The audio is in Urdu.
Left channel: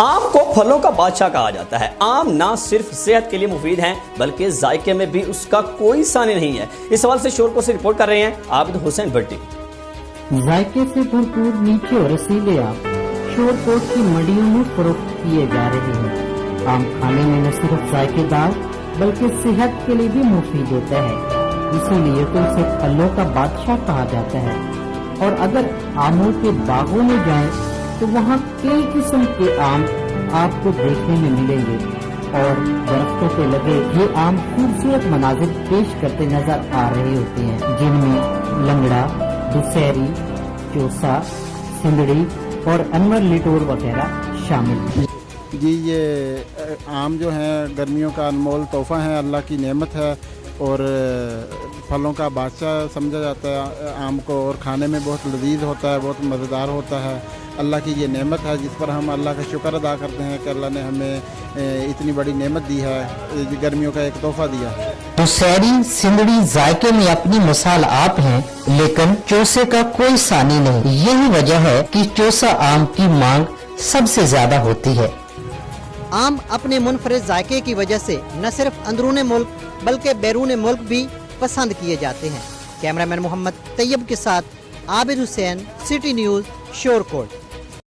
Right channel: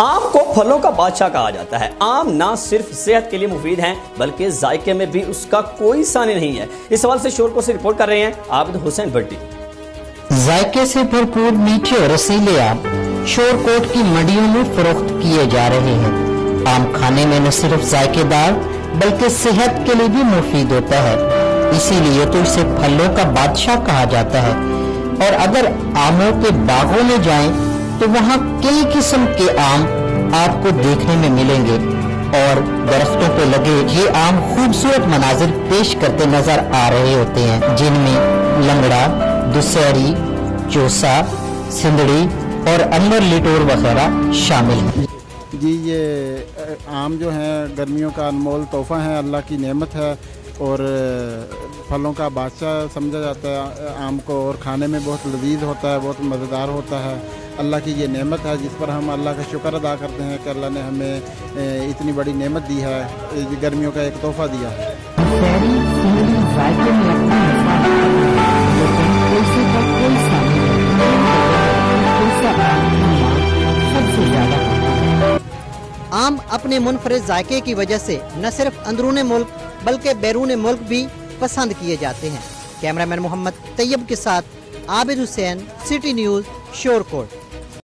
آم کو پھلوں کا بادشاہ کہا جاتا ہے۔ آم نہ صرف صحت کے لیے مفید ہیں بلکہ ذائقے میں بھی اس کا کوئی ثانی نہیں ہے۔ اس سوال سے شور کوٹ سے رپورٹ کر رہے ہیں عابد حسین بھٹی۔ ذائقے سے بھرپور میٹھے اور رسیلے آم شور کوٹ کی منڈیوں میں فروخت کیے جا رہے ہیں۔ آم کھانے میں نہ صرف ذائقے دار بلکہ صحت کے لیے بھی مفید ہوتا ہے، اسی لیے تو اسے پھلوں کا بادشاہ کہا جاتا ہے۔ اور اگر آموں کے باغوں میں جائیں تو وہاں کئی قسم کے آم آپ کو دیکھنے میں ملیں گے، اور درختوں پہ لگے یہ آم خوبصورت مناظر پیش کرتے نظر آ رہے ہوتے ہیں، جن میں لنگڑا، دسہری، چوسا، سندڑی اور امبر لٹور وغیرہ شامل ہیں۔ جی یہ آم جو ہیں گرمیوں کا انمول تحفہ ہیں، اللہ کی نعمت ہے اور پھلوں کا بادشاہ سمجھا جاتا ہے آم کو، اور کھانے میں بہت لذیذ ہوتا ہے، بہت مزیدار ہوتا ہے۔ اللہ کی یہ نعمت ہے جس پر ہم اللہ کا شکر ادا کرتے ہیں کہ اللہ نے ہمیں اتنی بڑی نعمت دی ہے، گرمیوں کا ایک تحفہ دیا ہے۔ دسہری، سندڑی ذائقے میں اپنی مثالات ہیں، لیکن چوسے کا کوئی ثانی نہیں۔ یہی وجہ ہے کہ چوسا آم کی مانگ سب سے زیادہ ہوتی ہے۔ آم اپنے منفرد ذائقے کی وجہ سے نہ صرف اندرون ملک بلکہ بیرون ملک بھی پسند کیے جاتے ہیں۔ کیمرہ مین محمد طیب کے ساتھ عابد حسین، سٹی نیوز، شور کوٹ۔